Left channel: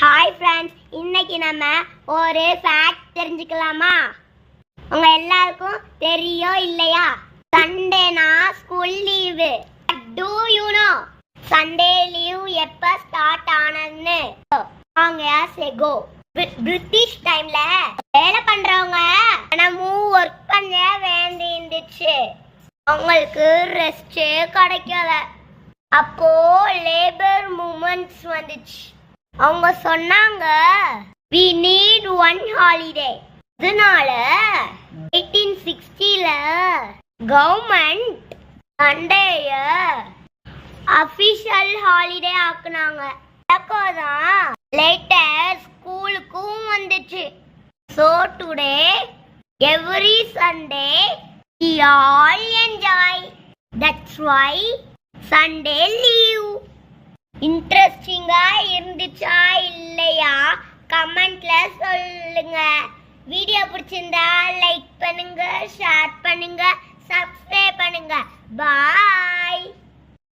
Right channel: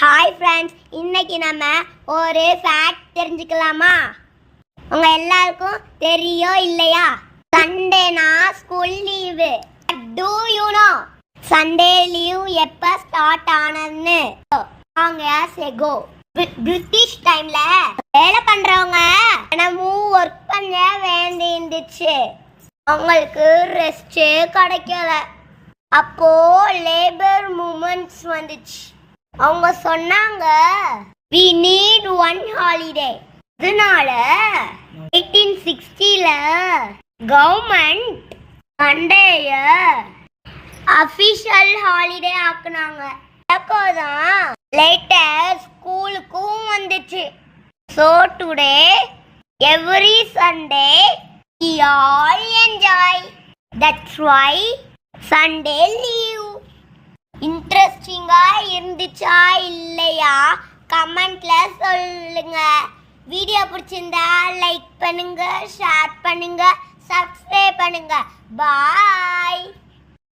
Hi friends இன்னைக்கு நம்ம ஒரு ஃபேக்ட் தெரிஞ்சுக்கலாமா? உங்க எல்லாருக்கும் தெரியோ இல்லையா? சண்டேனா school leave do you know Sunday leave எப்ப ஸ்டார்ட் ஆனதுன்னு? வாங்க செகோ பிரிட்டிஷ் டைம்ல வேலை பண்றவங்க தினமும் ஒர்க் பண்ண வேண்டி இருந்துச்சு. அவங்களுக்கு ரெஸ்டே கிடைக்கல. அப்போ லேபர் மூமெண்ட்ஸ் வந்துச்சு. அவங்க சொன்னாங்க வி நீட் ஒன் ஹாலிடே இதனால எயிட்டீன் சிக்ஸ்டில கவர்மெண்ட் சண்டேய அஃபிஷியல் ஹாலிடே ஆக்குனாங்க. அப்போதான் லேட்டர் ஸ்கூலுக்கும் வந்துச்சு. So today every Sunday we all enjoy that's why Sunday leave இன்ட்ரெஸ்டிங்கா இருந்துச்சா இல்லையா? கமெண்ட்ல சொல்லுங்க. வீடியோ பிடிச்சிருந்தா லைக் பண்ணுங்க ஷேர் பண்ணுங்க சப்ஸ்கிரைப் பண்ணுங்க. பாய்